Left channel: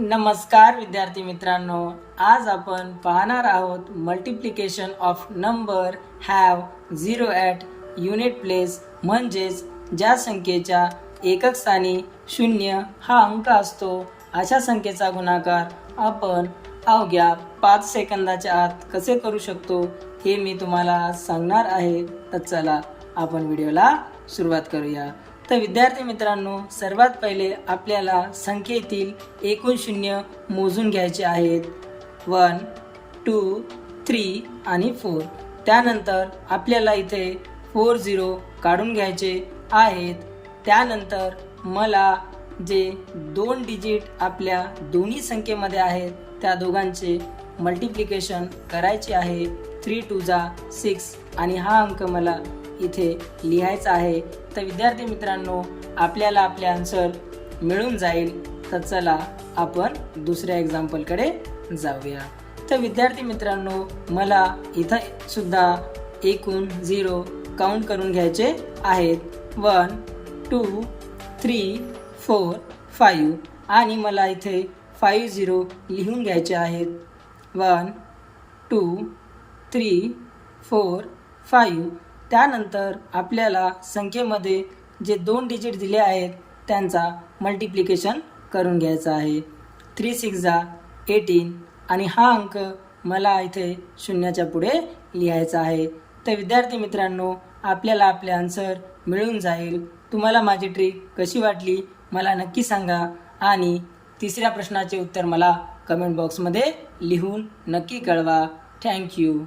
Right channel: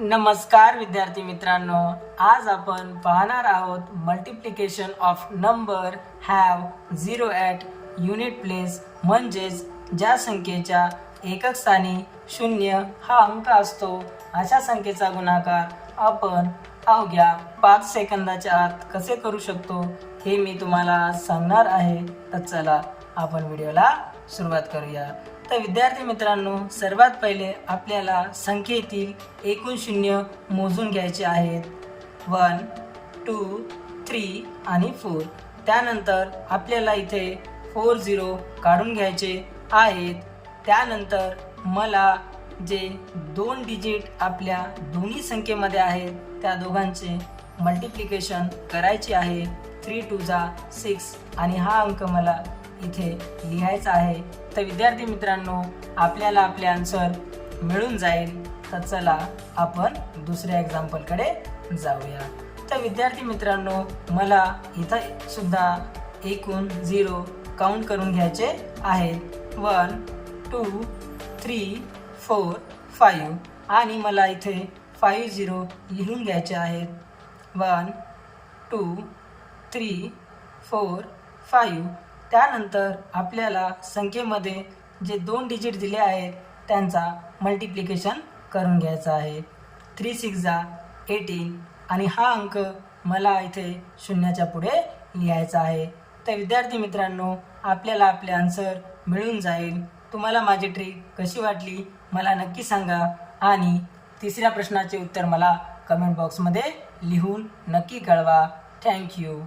नमस्कार विद्यार्थी मित्रांनो, आज आपण पाहणार आहोत multiplication of number have zero at unit place, म्हणजेच ज्या संख्येच्या एकक स्थानी 0 हा अंक असतो अशा संख्येचा गुणाकार आपण अवघ्या 5 सेकंदाच्या आत कसे करू शकतो हे मी तुम्हाला सांगणार आहे। तर चला आपण व्हिडिओला सुरुवात करूया। तर विद्यार्थी मित्रांनो, सर्वात पहिले आपल्याला संख्येतील एकूण शून्य मोजून घ्यायचे आहेत। 1 2 3 आणि 4। त्यानंतर आपल्याला इथे 4 0 काढून घ्यायचे आहेत। त्यानंतर मला जे 2 डिजिट आपल्या दोन्ही संख्येमध्ये आहेत त्या दोघांचे मल्टिप्लिकेशन करायचे आहे। 3 2 6 आणि हा अंक मला इथे लिहायचा आहे। तर विद्यार्थी मित्रांनो, आपल्याला आपले आन्सर मिळून जाईल। तर चला आपण दुसऱ्या एक्झाम्पल कडे जाऊया। तर विद्यार्थी मित्रांनो, मला इथं सुद्धा एकूण 0 काउंट करून घ्यायचे आहेत। 1 2 3 4 5 आणि मला इथे 5 0 लिहून घ्यायचे आहेत। 1 2 3 4 5। त्यानंतर आपल्याला संख्येमध्ये जे 2 डिजिट दिले आहेत त्यांचा मल्टिप्लिकेशन करून घ्यायचा आहे। 3 6 18 आणि हा अंक मला इथे शून्याच्या पुढे लिहायचा आहे। तर विद्यार्थी मित्रांनो, आपल्याला आपले आन्सर मिळून जाईल। तुम्हाला माझी ट्रिक कशी वाटली मला नक्की सांगा आणि तिसऱ्या प्रश्नाचे उत्तर मला कमेंट बॉक्समध्ये लिहून नक्की कळवा। थँक्यू।